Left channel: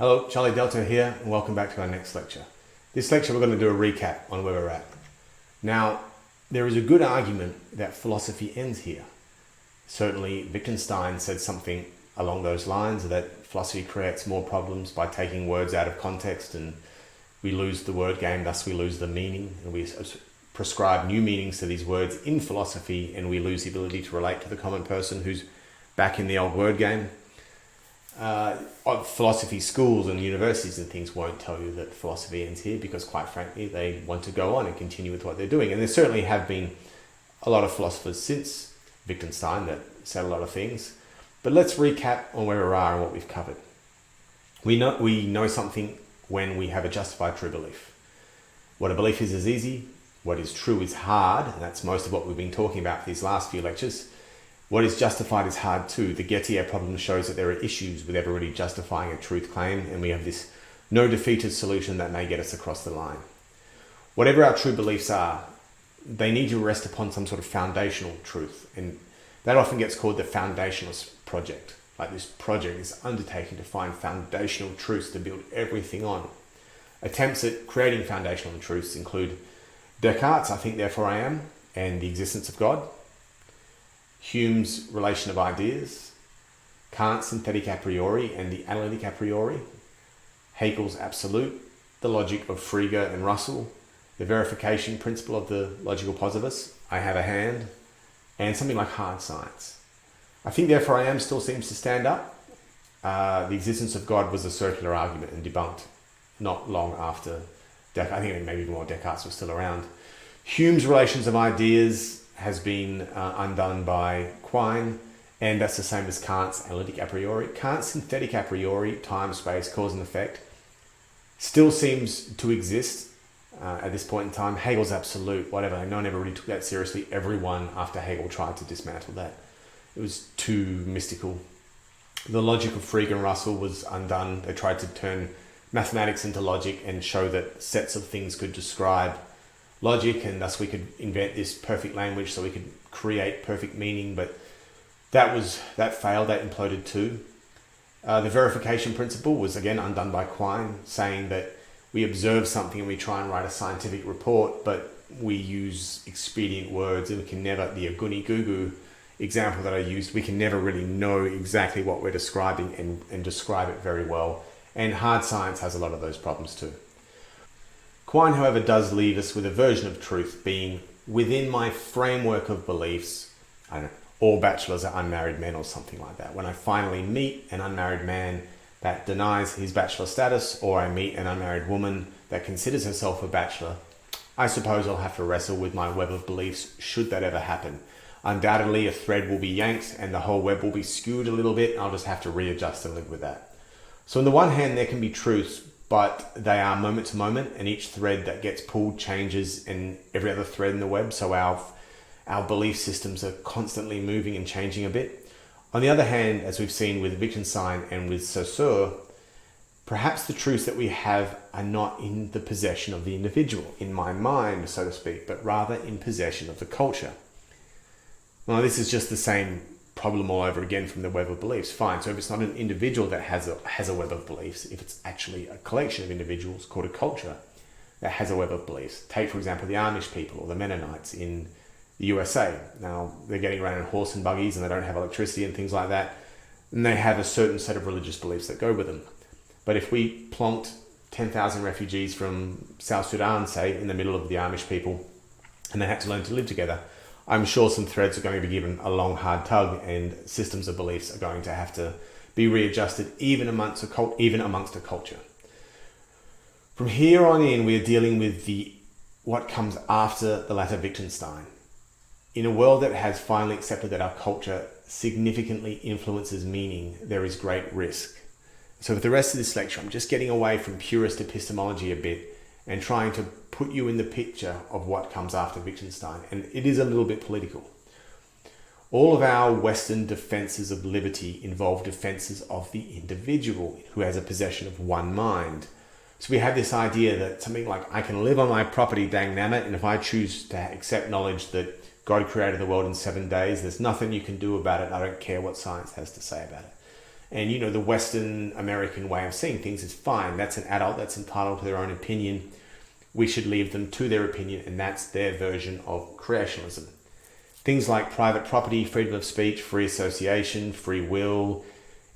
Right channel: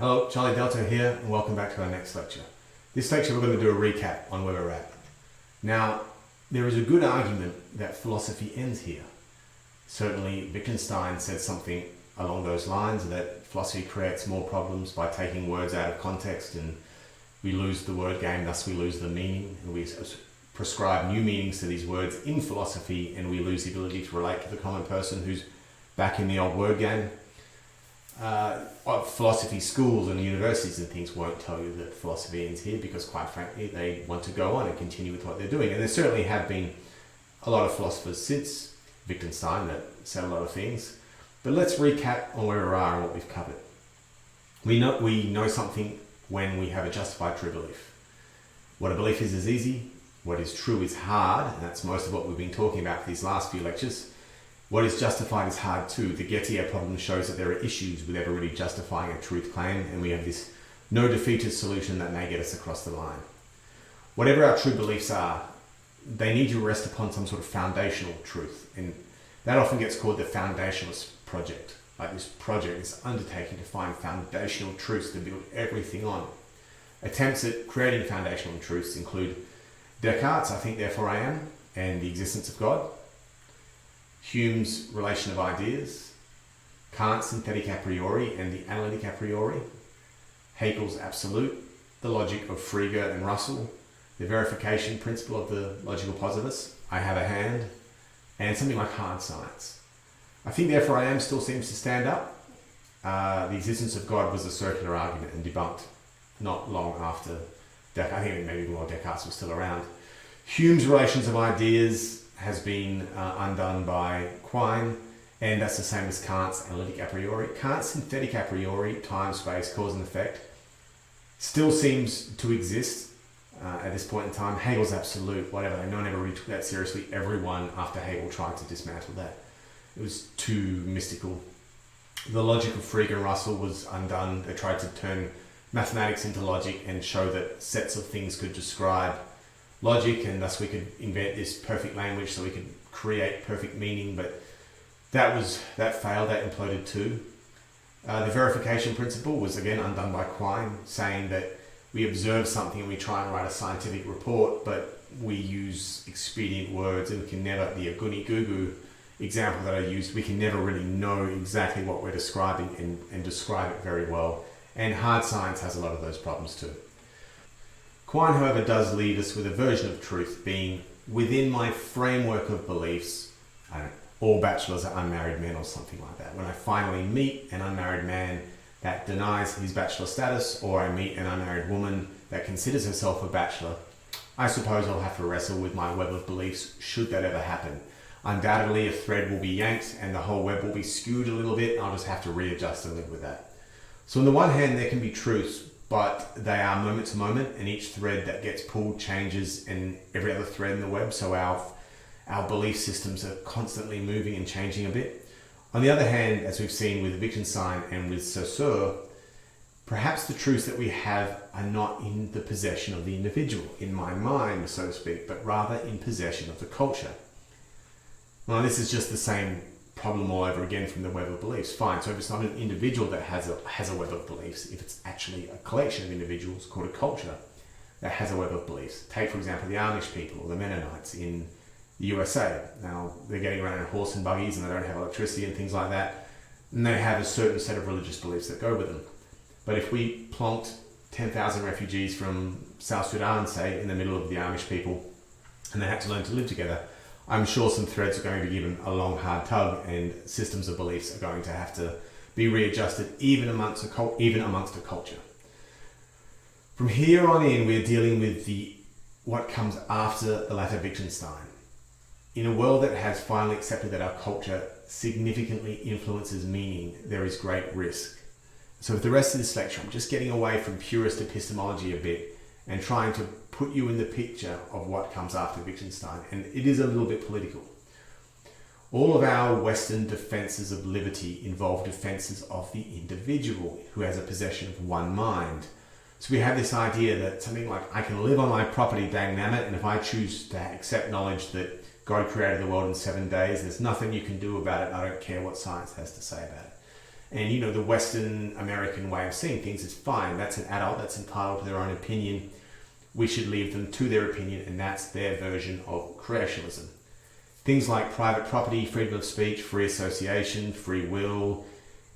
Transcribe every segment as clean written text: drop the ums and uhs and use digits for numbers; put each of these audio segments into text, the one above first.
Hello, Charlie Delta here, and welcome back to our next lecture. This lecture we're going to do a recap on where we're at. Now, there is a good argument that philosophy ends here. Certainly, Wittgenstein said something along those lines, that philosophy creates more problems by taking words out of context, and we lose the word game, thus we lose the meaning, and we prescribe new meanings to these words in philosophy, and we lose the ability to relate to the common person who's back in the old word game. Philosophy schools and universities and things won't tell you that philosophy ends here, because quite frankly they want to go on and continue with what they're doing, and there certainly have been a lot of philosophers since Wittgenstein that said a lot of things. But let's recap on where we are and what we've covered. We know something when we have a justified true belief. What a belief is easy, what is true is hard, and that's most of what we've been talking about these last few lectures. What is justified is hard too. The Gettier problem shows that there are issues with ever really justifying a truth claim, and we have this no defeated solution that may get us across the line. Whatever our true beliefs are, they need to rest upon some sort of foundational truth, and that often gets called the foundationalist project. Like this project is undertaking to find foundational truths to build everything on. Attempts at creating foundational truths include Descartes' I think therefore I am, and the existence of God, Hume's relation of ideas, Kant's synthetic a priori and the analytic a priori, Hegel's absolute, the logic of Frege and Russell, the verification principle of the logical positivists, I have a hand, and something like hard science. I think therefore I am still seems to stand up. The existence of God was a circular argument and debunked not long after Descartes. I think maybe more Descartes was still around. Hume's relations of ideas has been undone by Quine, and that's the same as Kant's analytic a priori. Kant's synthetic a priori, time, space, cause and effect, still seems to exist at this point in time. Hegel's absolute, whatever, no one ever really took that seriously. Everyone after Hegel tried to dismantle that. It was too mystical. The logic of Frege and Russell was undone. They tried to turn mathematics into logic and show that sets of things could describe logic, and thus we could invent this perfect language so we could create perfect meaning, but that failed, that imploded too. The verification principle was again undone by Quine, saying that we observe something and we try and write a scientific report, but we use expedient words, and we can never, the aguni gugu example that I used, we can never really know exactly what we're describing and describe it very well, and hard science has a lot of those problems too. Quine, however, does leave us with a version of truth being within my framework of beliefs. I don't know, all bachelors are unmarried men or something like that. When I finally meet an unmarried man that denies his bachelor status, or I meet an unmarried woman that considers herself a bachelor, I suppose I'll have to wrestle with my web of beliefs should that ever happen. Undoubtedly, a thread will be yanked and the whole web will be skewed a little bit, and I'll just have to readjust and live with that. So on the one hand, there can be truths, but they are moment to moment, and each thread that gets pulled changes in every other thread in the web, so our belief systems are constantly moving and changing a bit. On the other hand, as we've seen with Wittgenstein and with Saussure, perhaps the truths that we have are not in the possession of the individual, in my mind, so to speak, but rather in possession of the culture. Now, this is just the same problem all over again from the web of beliefs. Fine, so if it's not an individual that has a web of beliefs, if it's actually a collection of individuals called a culture that has a web of beliefs. Take, for example, the Amish people or the Mennonites in the USA. Now, they're getting around in horse and buggies and they don't have electricity and things like that, and they have a certain set of religious beliefs that go with them. But if we plonked 10,000 refugees from South Sudan, say, in the middle of the Amish people, and they had to learn to live together, I'm sure some threads are going to be given a long, hard tug, and systems of beliefs are going to have to be readjusted, even amongst a culture. From here on in, we are dealing with what comes after the latter Wittgenstein. In a world that has finally accepted that our culture significantly influences meaning, there is great risk. So with the rest of this lecture, I'm just getting away from purist epistemology a bit and trying to put you in the picture of what comes after Wittgenstein, and it is a little bit political. All of our Western defences of liberty involve defences of the individual who has a possession of one mind. So we have this idea that something like, I can live on my property, dang nammit, and if I choose to accept knowledge that God created the world in 7 days, there's nothing you can do about it, I don't care what science has to say about it. And you know, the Western American way of seeing things is fine. That's an adult that's entitled to their own opinion. We should leave them to their opinion, and that's their version of creationism. Things like private property, freedom of speech, free association, free will,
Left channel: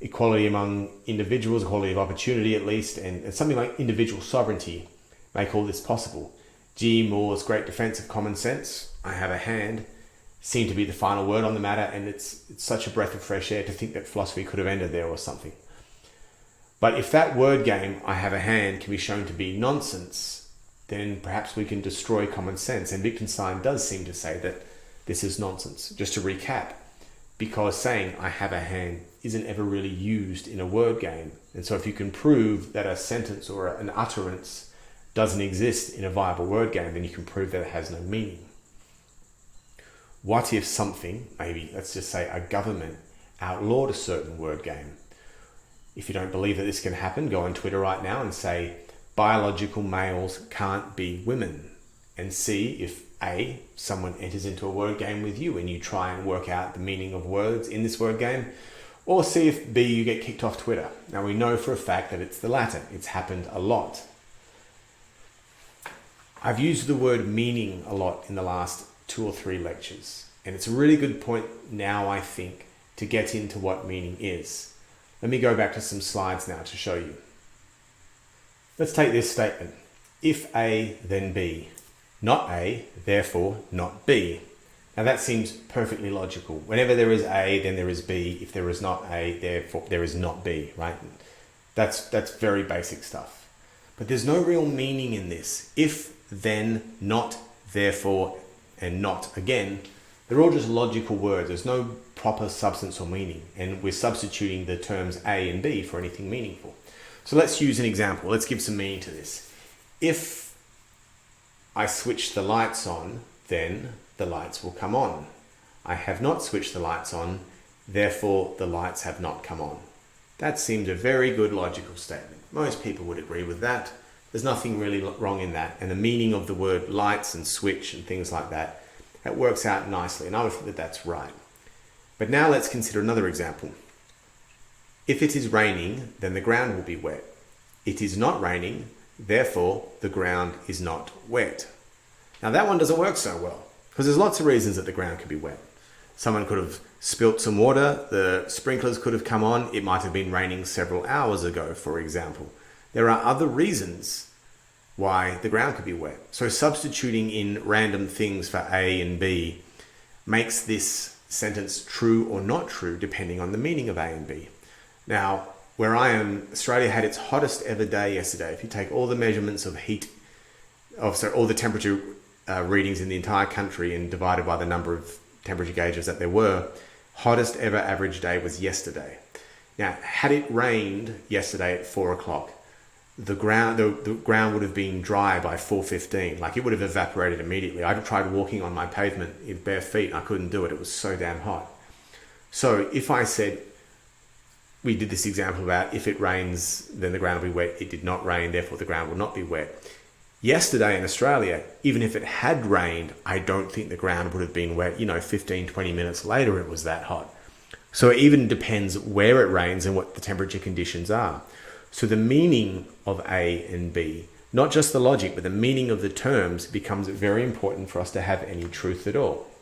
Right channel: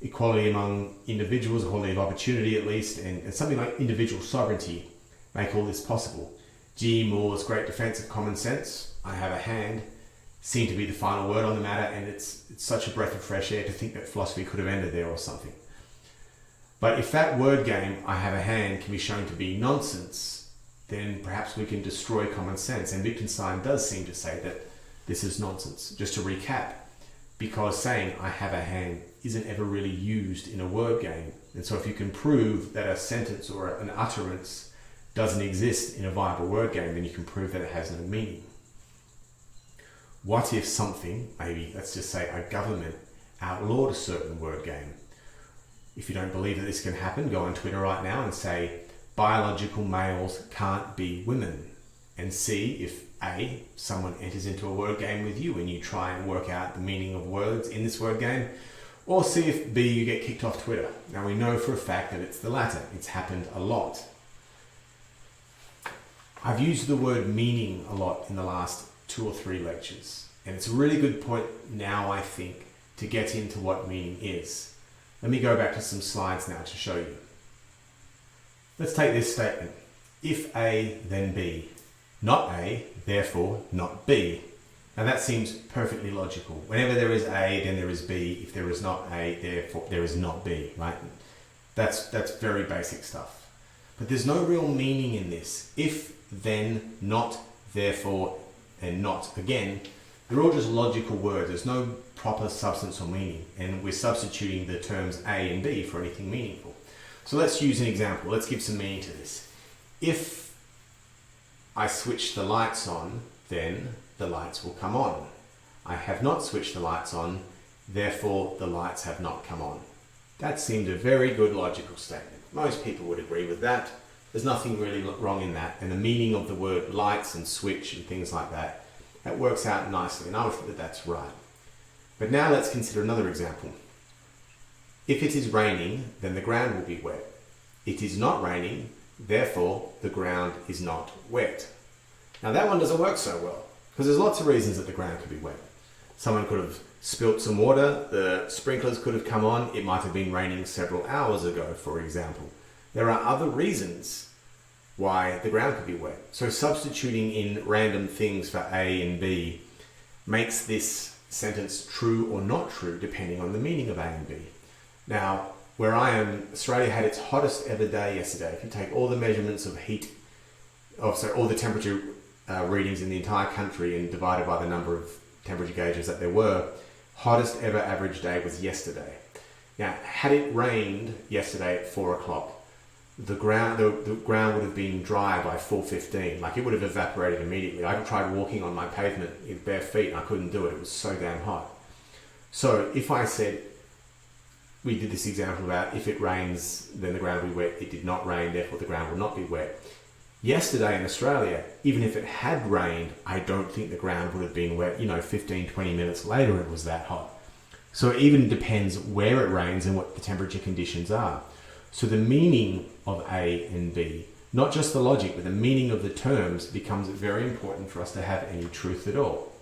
equality among individuals, equality of opportunity at least, and something like individual sovereignty make all this possible. G. Moore's great defense of common sense, I have a hand, seem to be the final word on the matter, and it's such a breath of fresh air to think that philosophy could have ended there or something. But if that word game, I have a hand, can be shown to be nonsense, then perhaps we can destroy common sense. And Wittgenstein does seem to say that this is nonsense. Just to recap, because saying I have a hand isn't ever really used in a word game. And so if you can prove that a sentence or an utterance doesn't exist in a viable word game, then you can prove that it has no meaning. What if something, maybe let's just say a government, outlawed a certain word game? If you don't believe that this can happen, go on Twitter right now and say biological males can't be women, and see if A, someone enters into a word game with you and you try and work out the meaning of words in this word game, or see if B, you get kicked off Twitter. Now we know for a fact that it's the latter. It's happened a lot. I've used the word meaning a lot in the last 2 or 3 lectures, and it's a really good point now, I think, to get into what meaning is. Let me go back to some slides now to show you. Let's take this statement. If A, then B. Not A, therefore not B. Now that seems perfectly logical. Whenever there is A, then there is B. If there is not A, therefore there is not B, right? That's very basic stuff. But there's no real meaning in this. If, then, not, therefore, and not again, they're all just logical words. There's no proper substance or meaning, and we're substituting the terms A and B for anything meaningful. So let's use an example. Let's give some meaning to this. If I switch the lights on, then the lights will come on. I have not switched the lights on, therefore the lights have not come on. That seemed a very good logical statement. Most people would agree with that. There's nothing really wrong in that, and the meaning of the word lights and switch and things like that, that works out nicely, and I would think that that's right. But now let's consider another example. If it is raining, then the ground will be wet. It is not raining, therefore the ground is not wet. Now that one doesn't work so well, because there's lots of reasons that the ground could be wet. Someone could have spilt some water, the sprinklers could have come on, it might have been raining several hours ago, for example. There are other reasons why the ground could be wet. So substituting in random things for A and B makes this sentence true or not true depending on the meaning of A and B. Now, where I am, Australia had its hottest ever day yesterday. If you take all the measurements of heat, all the temperature readings in the entire country and divided by the number of temperature gauges that there were, hottest ever average day was yesterday. Now, had it rained yesterday at 4 o'clock, the ground would have been dry by 4:15. Like, it would have evaporated immediately. I tried walking on my pavement with bare feet. I couldn't do it. It was so damn hot. So if I said, we did this example about if it rains, then the ground will be wet. It did not rain, therefore the ground will not be wet. Yesterday in Australia, even if it had rained, I don't think the ground would have been wet. 15, 20 minutes later, it was that hot. So it even depends where it rains and what the temperature conditions are. So the meaning of A and B, not just the logic, but the meaning of the terms becomes very important for us to have any truth at all.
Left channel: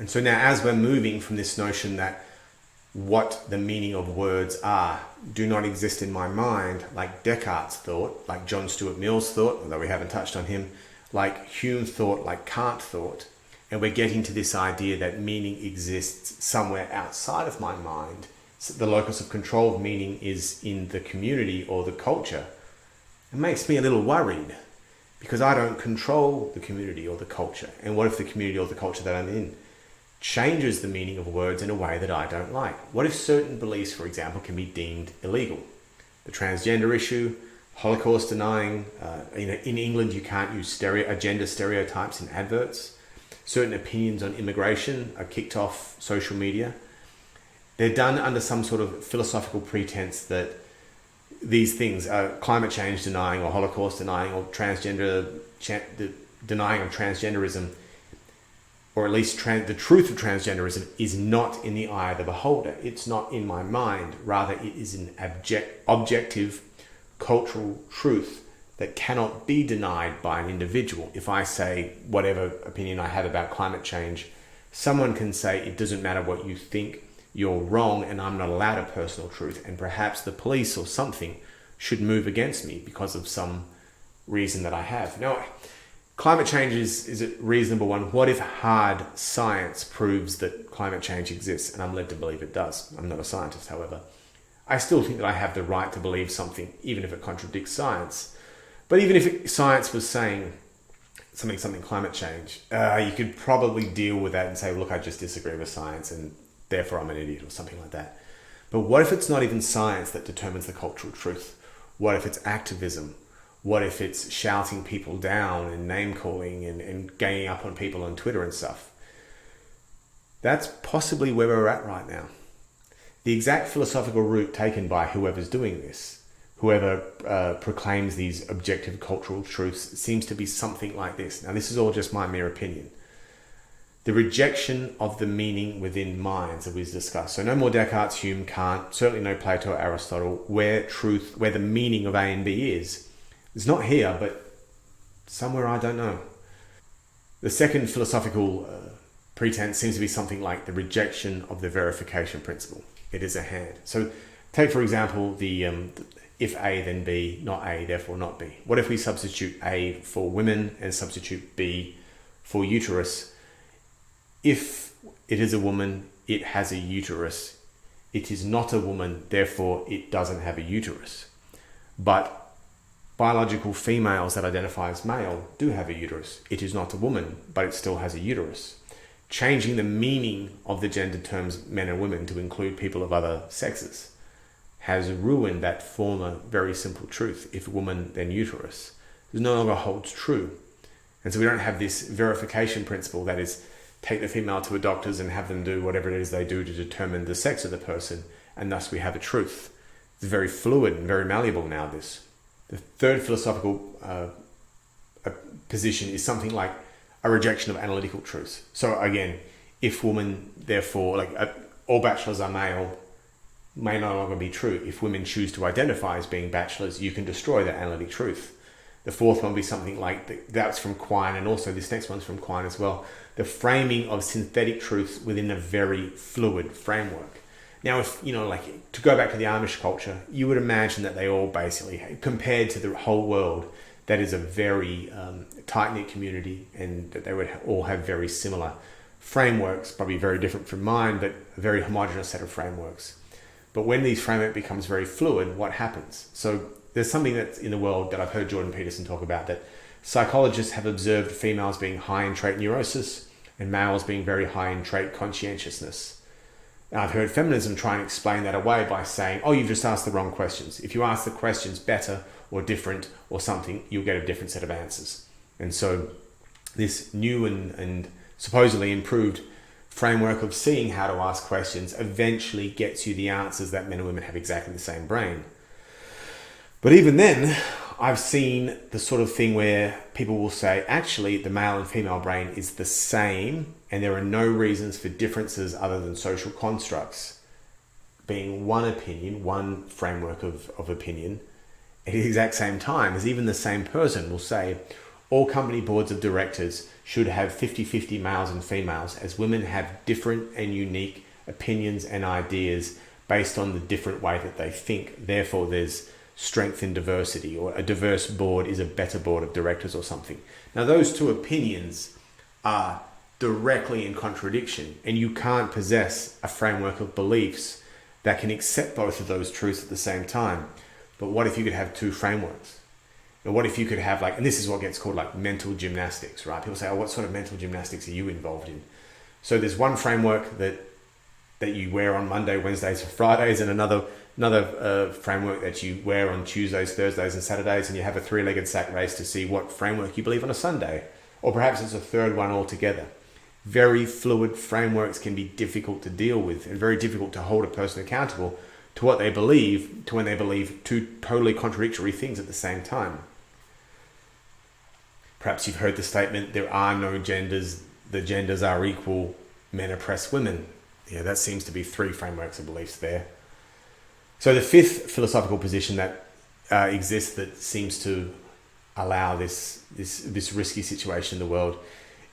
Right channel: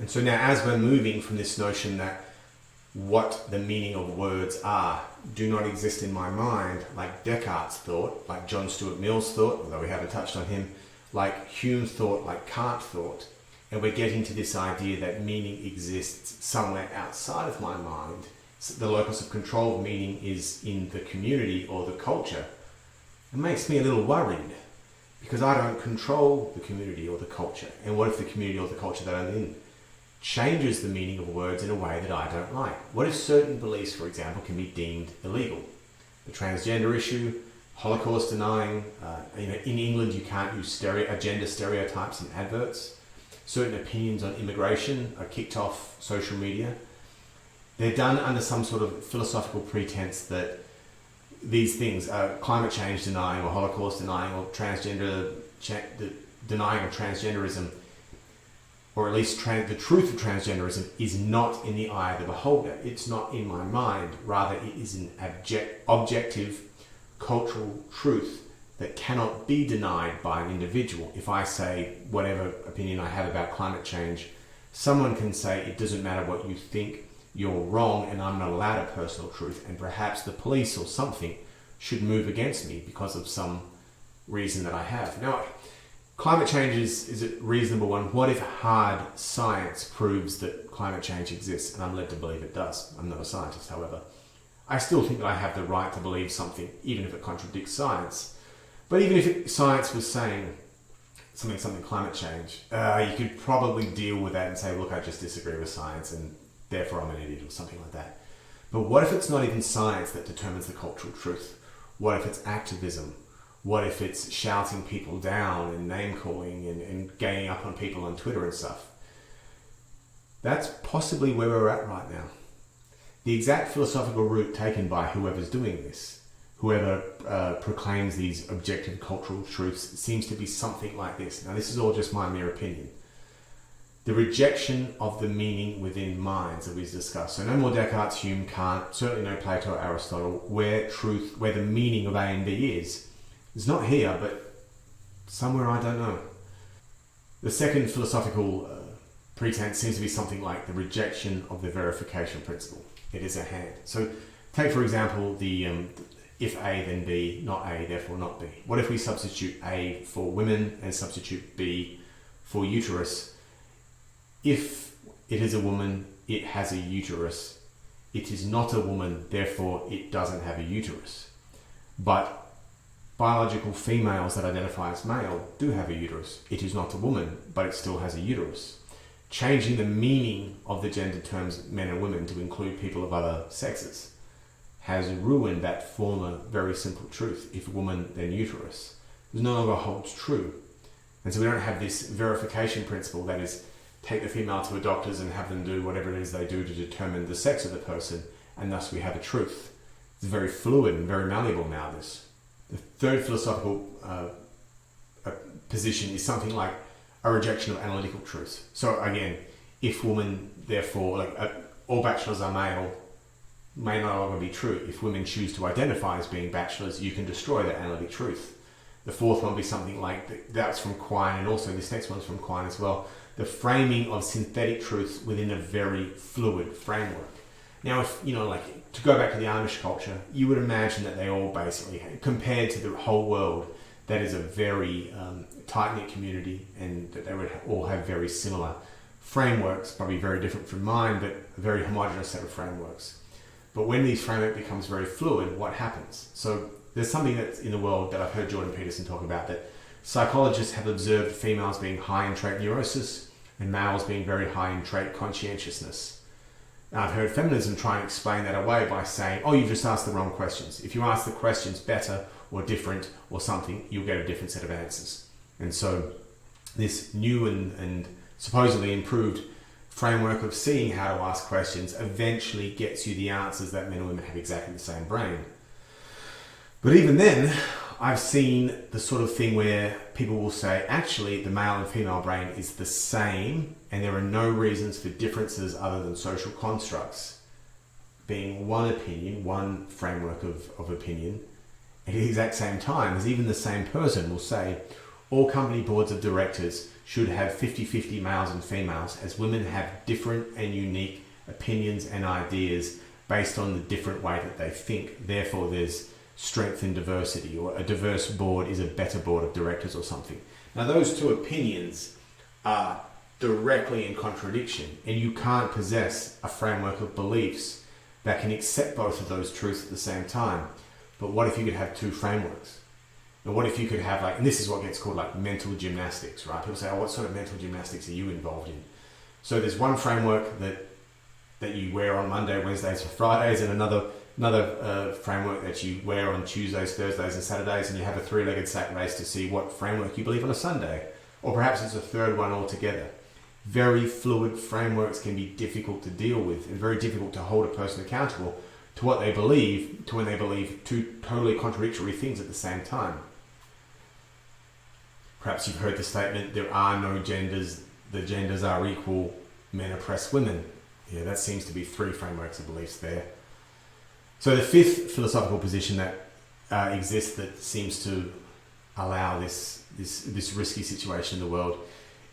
And so now, as we're moving from this notion that what the meaning of words are do not exist in my mind, like Descartes thought, like John Stuart Mill's thought, although we haven't touched on him, like Hume thought, like Kant thought, and we're getting to this idea that meaning exists somewhere outside of my mind. So the locus of control of meaning is in the community or the culture. It makes me a little worried, because I don't control the community or the culture. And what if the community or the culture that I'm in changes the meaning of words in a way that I don't like? What if certain beliefs, for example, can be deemed illegal? The transgender issue, Holocaust denying, in England you can't use gender stereotypes in adverts. Certain opinions on immigration are kicked off social media. They're done under some sort of philosophical pretense that these things are climate change denying or Holocaust denying or denying of transgenderism or at least the truth of transgenderism, is not in the eye of the beholder. It's not in my mind. Rather, it is an objective cultural truth that cannot be denied by an individual. If I say whatever opinion I have about climate change, someone can say it doesn't matter what you think, you're wrong, and I'm not allowed a personal truth, and perhaps the police or something should move against me because of some reason that I have. Now, climate change is a reasonable one. What if hard science proves that climate change exists? And I'm led to believe it does. I'm not a scientist, however. I still think that I have the right to believe something, even if it contradicts science. But even if science was saying something climate change, you could probably deal with that and say, look, I just disagree with science and therefore I'm an idiot or something like that. But what if it's not even science that determines the cultural truth? What if it's activism? What if it's shouting people down and name-calling and ganging up on people on Twitter and stuff? That's possibly where we're at right now. The exact philosophical route taken by whoever's doing this, whoever proclaims these objective cultural truths, seems to be something like this. Now, this is all just my mere opinion. The rejection of the meaning within minds that we've discussed. So no more Descartes, Hume, Kant, certainly no Plato, Aristotle, where the meaning of A and B is. It's not here, but somewhere I don't know. The second philosophical pretense seems to be something like the rejection of the verification principle. It is a hand. So take, for example, the if A then B, not A, therefore not B. What if we substitute A for women and substitute B for uterus? If it is a woman, it has a uterus. It is not a woman, therefore it doesn't have a uterus. But biological females that identify as male do have a uterus. It is not a woman, but it still has a uterus. Changing the meaning of the gender terms men and women to include people of other sexes has ruined that former very simple truth. If woman, then uterus. It no longer holds true. And so we don't have this verification principle, that is, take the female to a doctor's and have them do whatever it is they do to determine the sex of the person, and thus we have a truth. It's very fluid and very malleable now, this. The third philosophical position is something like a rejection of analytical truth. So again, if woman, therefore, all bachelors are male, may no longer be true. If women choose to identify as being bachelors, you can destroy that analytic truth. The fourth one will be something like, that's from Quine, and also this next one's from Quine as well, the framing of synthetic truths within a very fluid framework. Now, if, to go back to the Amish culture, you would imagine that they all basically, compared to the whole world, that is a very tight-knit community, and that they would all have very similar frameworks, probably very different from mine, but a very homogeneous set of frameworks. But when these framework becomes very fluid, what happens? So there's something that's in the world that I've heard Jordan Peterson talk about, that psychologists have observed females being high in trait neurosis and males being very high in trait conscientiousness. And I've heard feminism try and explain that away by saying, oh, you've just asked the wrong questions. If you ask the questions better or different or something, you'll get a different set of answers. And so this new and supposedly improved framework of seeing how to ask questions eventually gets you the answers that men and women have exactly the same brain. But even then, I've seen the sort of thing where people will say, actually, the male and female brain is the same, and there are no reasons for differences other than social constructs. Being one opinion, one framework of opinion, at the exact same time as even the same person will say, all company boards of directors should have 50-50 males and females, as women have different and unique opinions and ideas based on the different way that they think. Therefore, there's strength in diversity, or a diverse board is a better board of directors or something. Now, those two opinions are directly in contradiction, and you can't possess a framework of beliefs that can accept both of those truths at the same time. But what if you could have two frameworks? Or what if you could have, and this is what gets called mental gymnastics, right? People say, oh, what sort of mental gymnastics are you involved in? So there's one framework that you wear on Monday, Wednesdays, Fridays, and another framework that you wear on Tuesdays, Thursdays, and Saturdays, and you have a three-legged sack race to see what framework you believe on a Sunday. Or perhaps it's a third one altogether. Very fluid frameworks can be difficult to deal with and very difficult to hold a person accountable to what they believe, to when they believe two totally contradictory things at the same time. Perhaps you've heard the statement, there are no genders, the genders are equal, men oppress women. Yeah, that seems to be three frameworks of beliefs there. So the fifth philosophical position that exists that seems to allow this risky situation in the world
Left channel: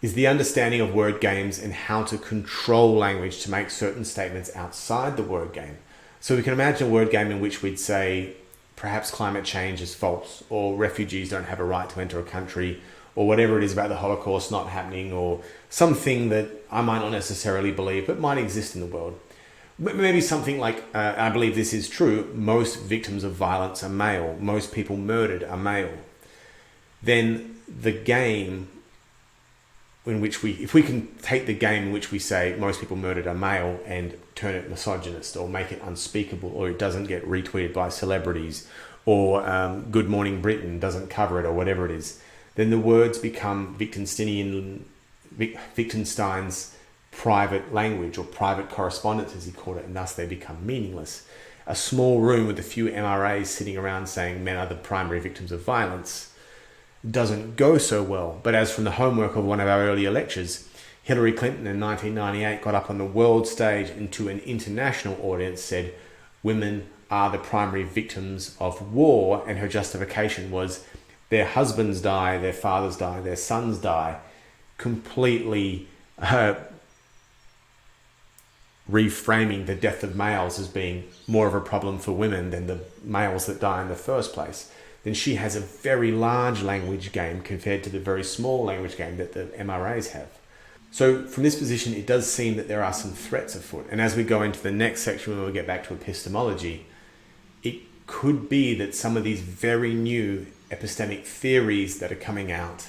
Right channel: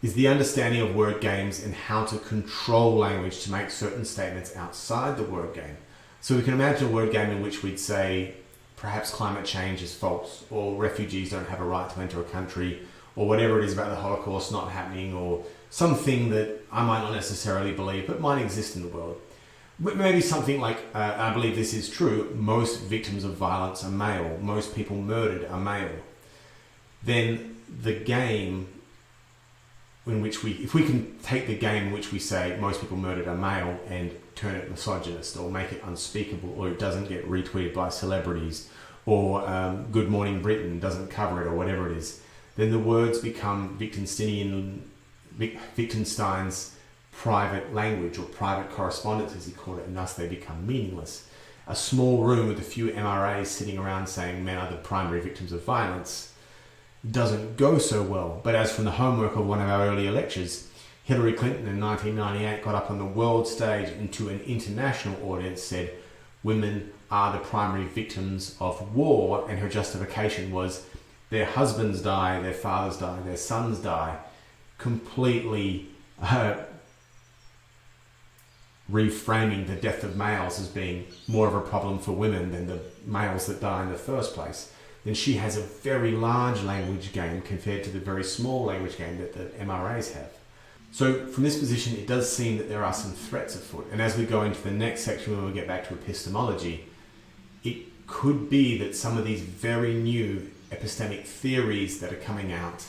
is the understanding of word games and how to control language to make certain statements outside the word game. So we can imagine a word game in which we'd say perhaps climate change is false, or refugees don't have a right to enter a country, or whatever it is about the Holocaust not happening, or something that I might not necessarily believe but might exist in the world. Maybe something like, I believe this is true, most victims of violence are male, most people murdered are male. Then the game in which if we can take the game in which we say most people murdered are male and turn it misogynist or make it unspeakable, or it doesn't get retweeted by celebrities, or Good Morning Britain doesn't cover it, or whatever it is, then the words become Wittgenstein's private language or private correspondence, as he called it, and thus they become meaningless. A small room with a few MRAs sitting around saying men are the primary victims of violence doesn't go so well. But as from the homework of one of our earlier lectures, Hillary Clinton in 1998 got up on the world stage and to an international audience said women are the primary victims of war, and her justification was their husbands die, their fathers die, their sons die, completely reframing the death of males as being more of a problem for women than the males that die in the first place. Then she has a very large language game compared to the very small language game that the MRAs have. So from this position, it does seem that there are some threats afoot. And as we go into the next section, when we get back to epistemology, it could be that some of these very new epistemic theories that are coming out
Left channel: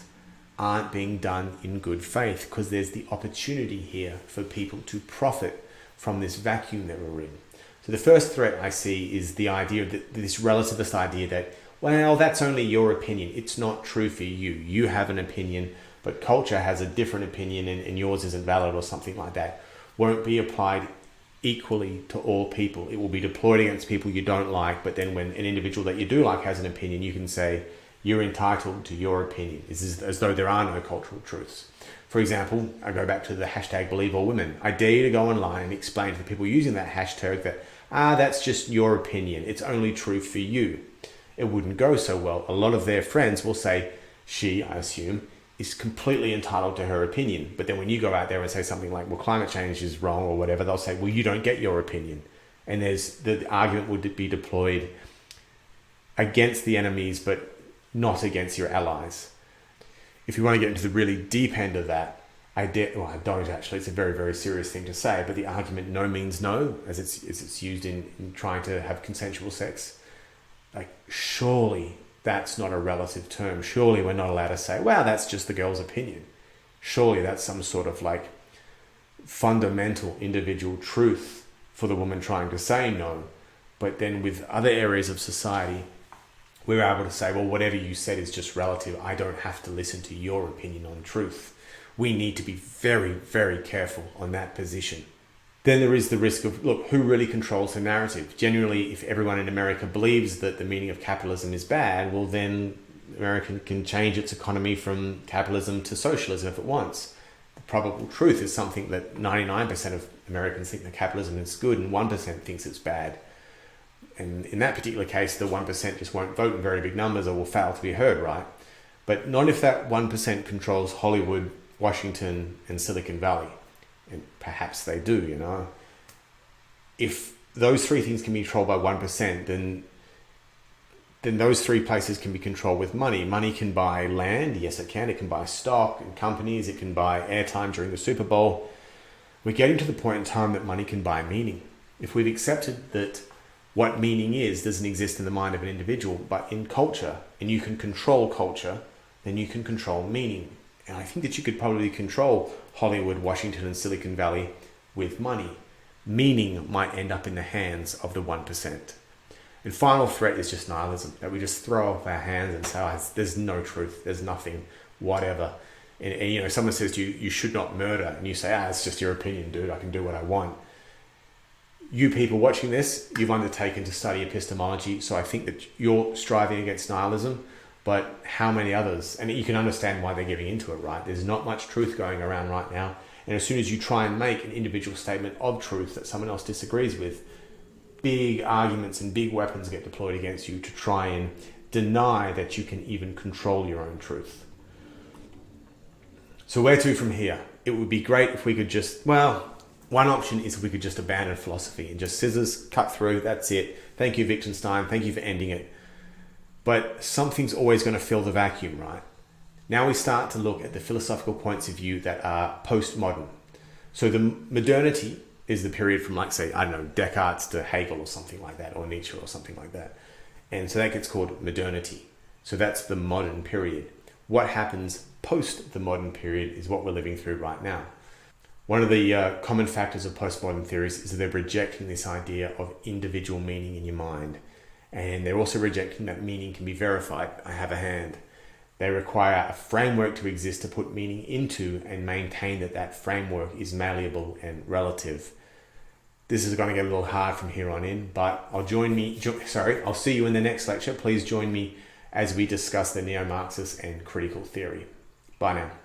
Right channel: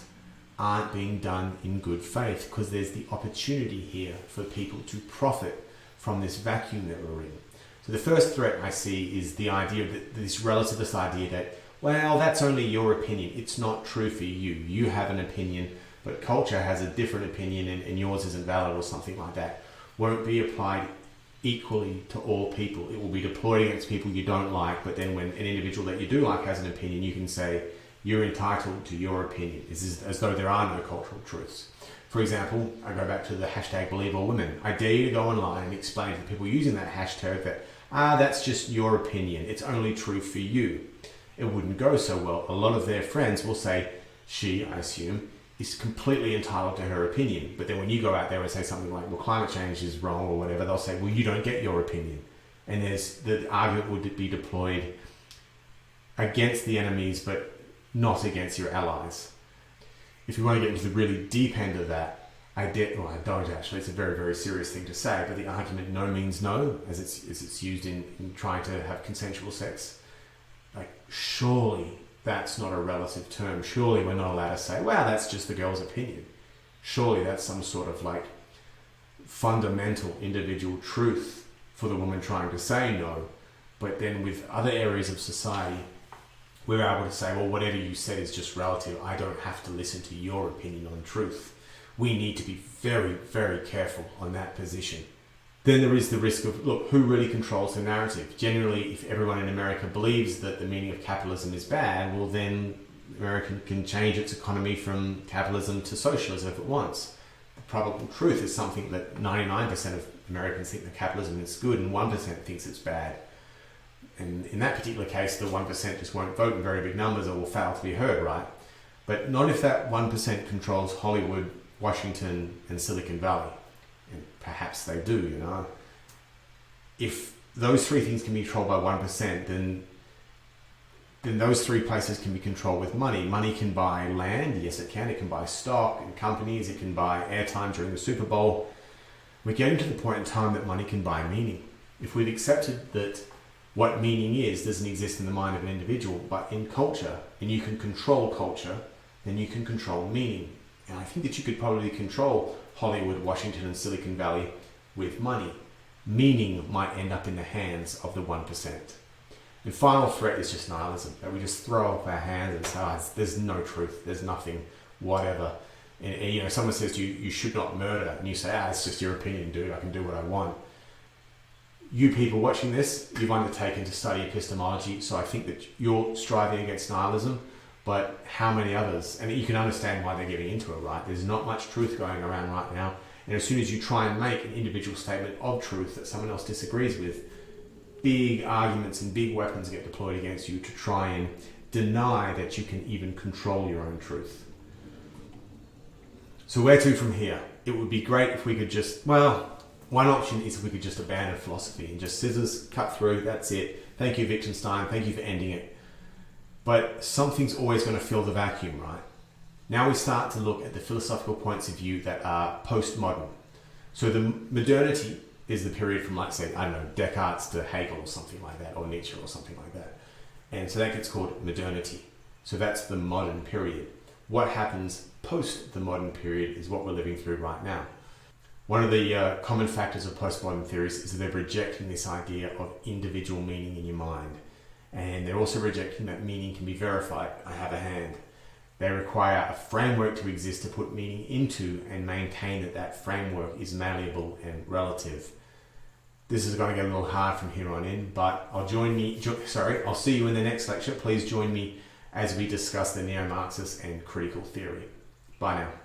aren't being done in good faith, because there's the opportunity here for people to profit from this vacuum that we're in. So the first threat I see is the idea that this relativist idea that, well, that's only your opinion. It's not true for you. You have an opinion, but culture has a different opinion and yours isn't valid, or something like that. Won't be applied equally to all people. It will be deployed against people you don't like, but then when an individual that you do like has an opinion, you can say, you're entitled to your opinion. It's as though there are no cultural truths. For example, I go back to the hashtag #BelieveAllWomen. I dare you to go online and explain to the people using that hashtag that, that's just your opinion. It's only true for you. It wouldn't go so well. A lot of their friends will say, she, I assume, is completely entitled to her opinion. But then when you go out there and say something like, well, climate change is wrong or whatever, they'll say, well, you don't get your opinion. And the argument would be deployed against the enemies, but not against your allies. If you want to get into the really deep end of that, I don't actually, it's a very, very serious thing to say, but the argument no means no, as it's used in trying to have consensual sex, like, surely that's not a relative term. Surely we're not allowed to say, well, that's just the girl's opinion. Surely that's some sort of like fundamental individual truth for the woman trying to say no. But then with other areas of society, we're able to say, well, whatever you said is just relative. I don't have to listen to your opinion on truth. We need to be very, very careful on that position. Then there is the risk of, look, who really controls the narrative? Generally, if everyone in America believes that the meaning of capitalism is bad, well, then America can change its economy from capitalism to socialism if it wants. The probable truth is something that 99% of Americans think that capitalism is good and 1% thinks it's bad. And in that particular case, the 1% just won't vote in very big numbers or will fail to be heard, right? But not if that 1% controls Hollywood, Washington, and Silicon Valley. And perhaps they do, you know. If those three things can be controlled by 1%, then those three places can be controlled with money. Money can buy land, yes it can. It can buy stock and companies. It can buy airtime during the Super Bowl. We're getting to the point in time that money can buy meaning. If we've accepted that what meaning is doesn't exist in the mind of an individual, but in culture, and you can control culture, then you can control meaning. And I think that you could probably control Hollywood, Washington, and Silicon Valley with money. Meaning might end up in the hands of the 1%. And final threat is just nihilism, that we just throw up our hands and say, there's no truth, there's nothing, whatever. And you know, someone says to you, you should not murder, and you say, it's just your opinion, dude, I can do what I want. You people watching this, you've undertaken to study epistemology, so I think that you're striving against nihilism. but how many others? And you can understand why they're getting into it, right? There's not much truth going around right now. And as soon as you try and make an individual statement of truth that someone else disagrees with, big arguments and big weapons get deployed against you to try and deny that you can even control your own truth. So where to from here? It would be great if we could just, well, one option is if we could just abandon philosophy and just scissors, cut through, that's it. Thank you, Wittgenstein, thank you for ending it. But something's always going to fill the vacuum, right? Now we start to look at the philosophical points of view that are post-modern. So the modernity is the period from, like, say, I don't know, Descartes to Hegel or something like that, or Nietzsche or something like that. And so that gets called modernity. So that's the modern period. What happens post the modern period is what we're living through right now. One of the common factors of postmodern theories is that they're rejecting this idea of individual meaning in your mind. And they're also rejecting that meaning can be verified. I have a hand. They require a framework to exist to put meaning into and maintain that that framework is malleable and relative. This is going to get a little hard from here on in, but I'll see you in the next lecture. Please join me as we discuss the neo-Marxist and critical theory. Bye now.